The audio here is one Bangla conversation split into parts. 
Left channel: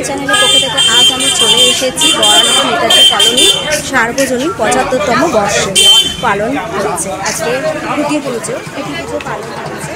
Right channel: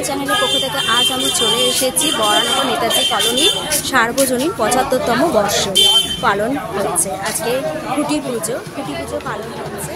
বাঙাল চ্যানেলের পক্ষ থেকে আজ আমি চলে এসেছি বরানগর নেতাজি কলোনি সার্বজনীন ৭৫তম বর্ষ পালন হচ্ছে। আজকে খুঁটি পুজো পালন হচ্ছে।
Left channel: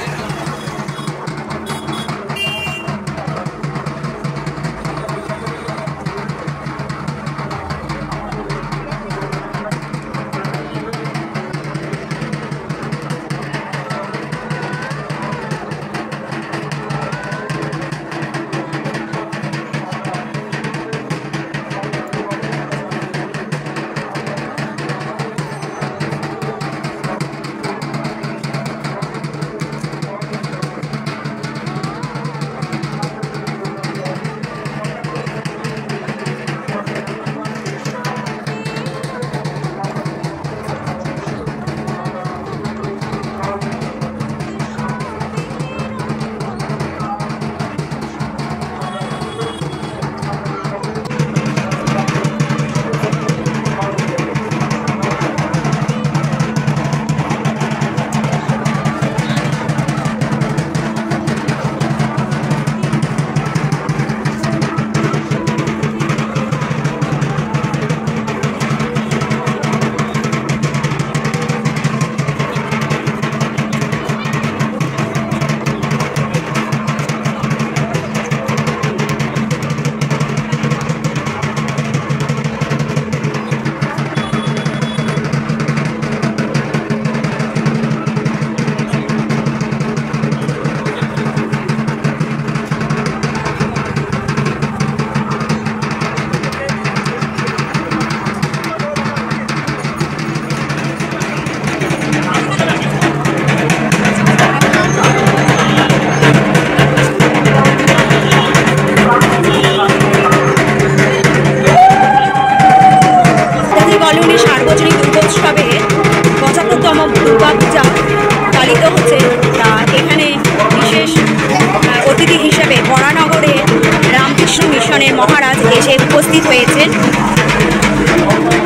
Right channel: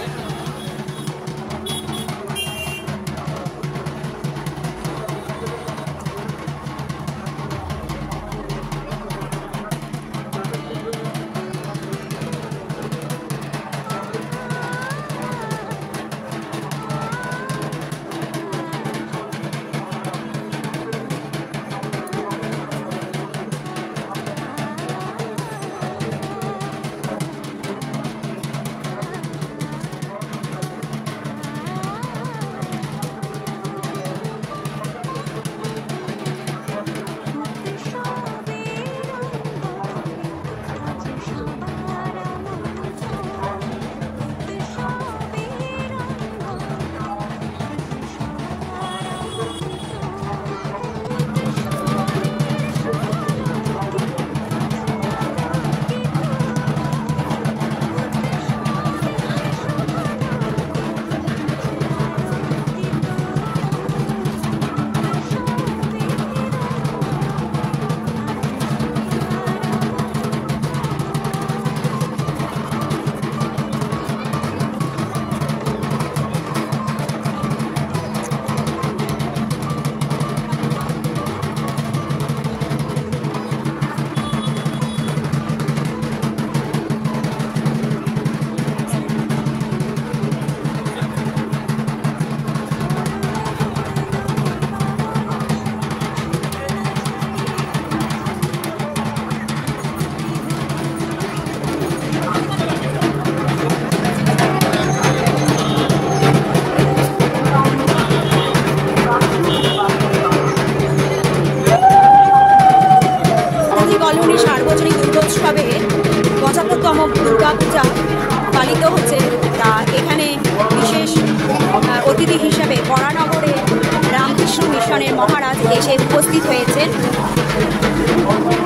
মহারাজ এসে উপস্থিত হয়েছেন।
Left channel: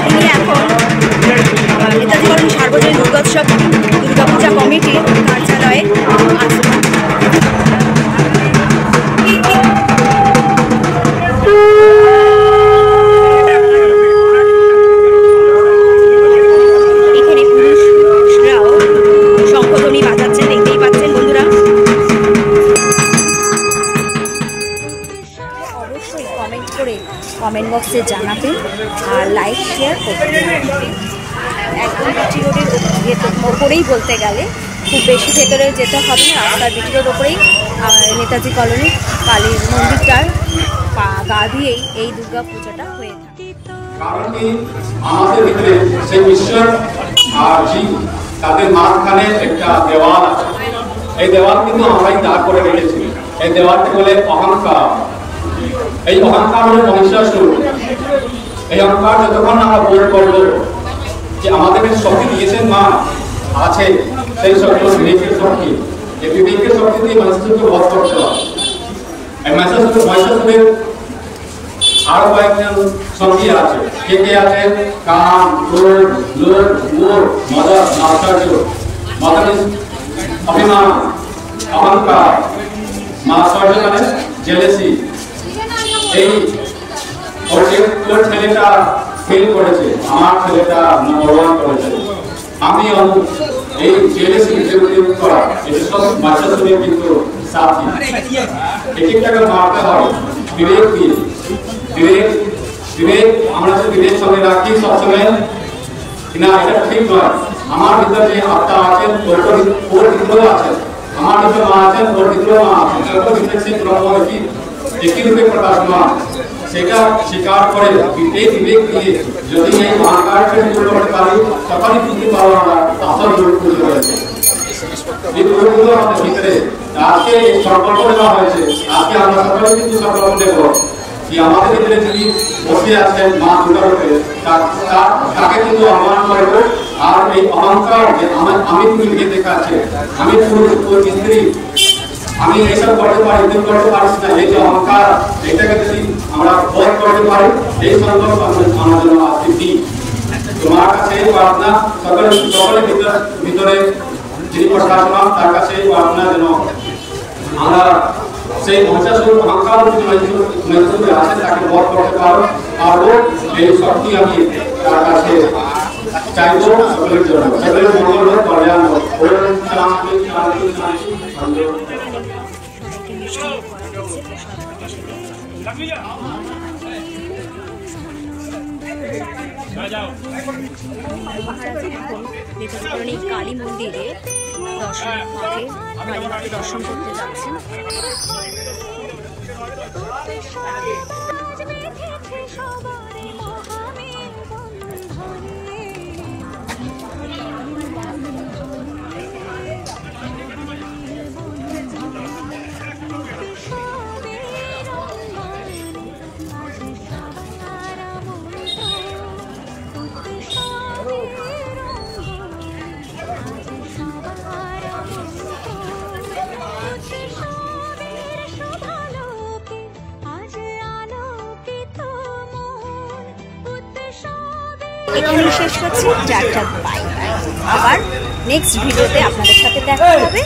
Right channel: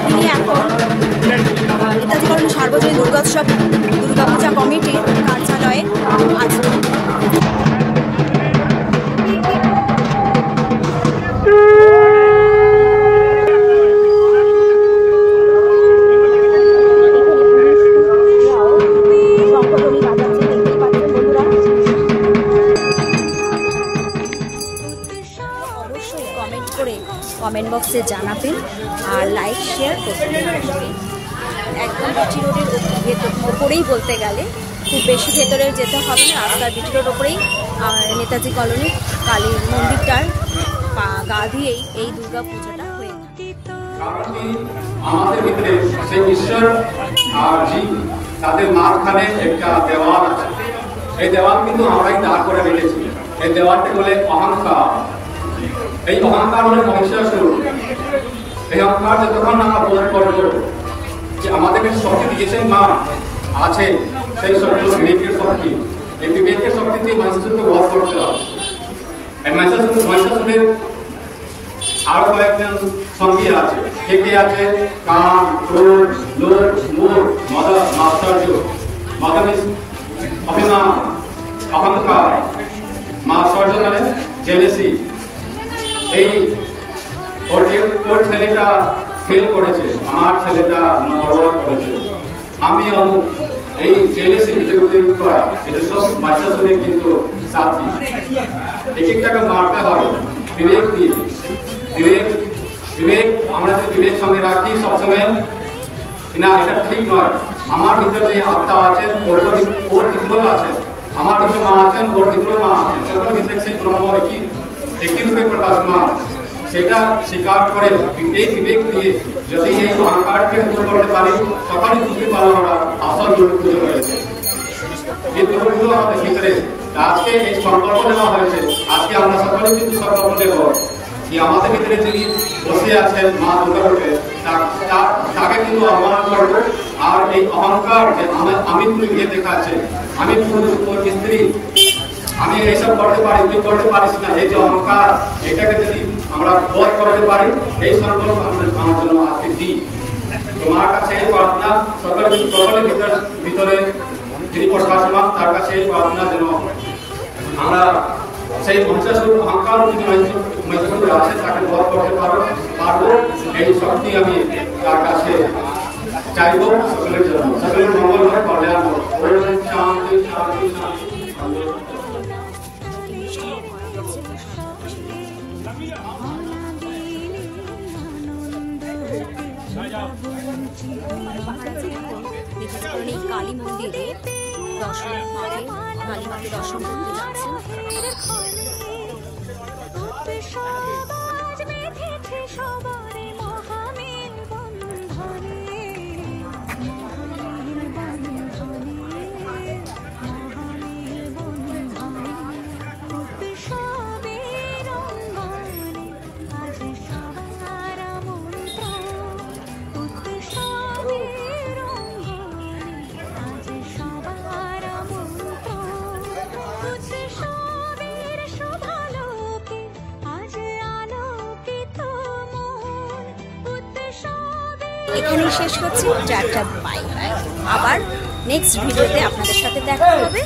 তিনি এখন নেতাজি কলোনি সার্বজনীন দুর্গাপূজা কমিটির কার্যালয়ে আছেন। এখানে পুরুষরাও শঙ্খধ্বনি বাজাচ্ছেন, দেখতেই পাচ্ছেন বন্ধুরা। কমেন্ট বক্সে জানাবেন আর লাইক শেয়ার করবেন। একদম বিটি রোডের ওপরেই বলতে গেলে খুব বেশি ভেতরে যেতে হবে না, রাস্তার বিটি রোড ওপরেই নেতাজি কলোনি কালী মন্দিরটার গা দিয়েই এই দুর্গা পূজাটা হয়ে থাকে। আমাদের ভিতরে সেই ঈশ্বর আর জীব তাদের মাঝখানে একটা দেওয়াল আছে। এই দেওয়াল কিন্তু আমরাই দাঁড় করে রেখেছি। এই দেওয়ালটা বলে অহংকার। এই অহংকার হলো মহিষাসুর। এই অহংকার যতক্ষণ আমরা বোধ করবো যে আমাদেরকে শক্তি দিয়েছেন মা আছে, সেই শক্তি বিবেকের শক্তি, যে বিবেকের শক্তি দিয়ে মহিষাসুরকে বধ করতে হবে। মহিষাসুরের আরো কয়েকজন সঙ্গী আছে। কে কে আছে? কাম, ক্রোধ, লোভ, মোহ, মদ, মাৎসর্য, অভিমান, অহংকার, মাৎসর্য মানে জেলেসি। এই ওর ছেলেটা ফেল করেছে, আমার ছেলেটা নম্বর 1 করেছে, আমি এই জেলেসি বিজেপি করা, এটা সব মহিষাসুরের কিন্তু সাথী। এক একটাকে মারতে হবে বিবেক দিয়ে। বিবেক আমরা যদি বিবেক সঙ্গে রাখি সবসময়, না এটা ঠিক নয়। আমার ভিতরে যে আত্মা আছেন ওর ভিতরে আছে, আমার ভিতরে মা আছেন ওর ভিতরে মা আছেন, সর্ব ভিতরে সেই ব্রহ্ম একই রূপে প্রকাশমান। সেটা স্বীকার করে এই বিবেক দিয়ে যদি এই অহংকারকে দূর করতে পারি, তখনই বুঝতে পারবো আমরা আসল রূপ খুঁজে হয়েছে। এই দূরগুলো আমাদের ভিতরে আজকে এই সংকল্প নেওয়া হয়েছে। আজকে আমরা সকলে কিন্তু সংকল্প নেব কি আমাদের ভিতরে যিনি বসে আছেন মা দুর্গারূপে, তাকে কিন্তু অবমান করবো। আর এই অহংকার যে আমি তুমি বিয়ে দেখাচ্ছে, আমি পুরুষ তোর স্ত্রী, আমি এইসব করতে পারি, তুই করতে পারিস না, এই যে অহংকার, এটাকে যদি আমরা বোধ করতে পারি, এই সংকল্প আমার জন্য আজকে দিই। তোমার কাছে এই প্রার্থনা সকলের ভিতরে যিনি প্রশাসক তার কাছে এই প্রার্থনা যেন আমরা সেই মহিষাসুর অহংকার মহিষাসুর আছে তাকে বধ করতে পারবো, এই শক্তি আমি তার কাছে চাইবো সকলের জন্য। সকলের মঙ্গল হোক, কল্যাণ হোক। ওম শান্তি শান্তি শান্তি। কালী মন্দিরে দর্শন করতে যাচ্ছেন। এখানে শেষ করছি। Tata, bye bye. আবার নেক্সট ভিডিওতে আপনাদের সাথে দেখা হবে।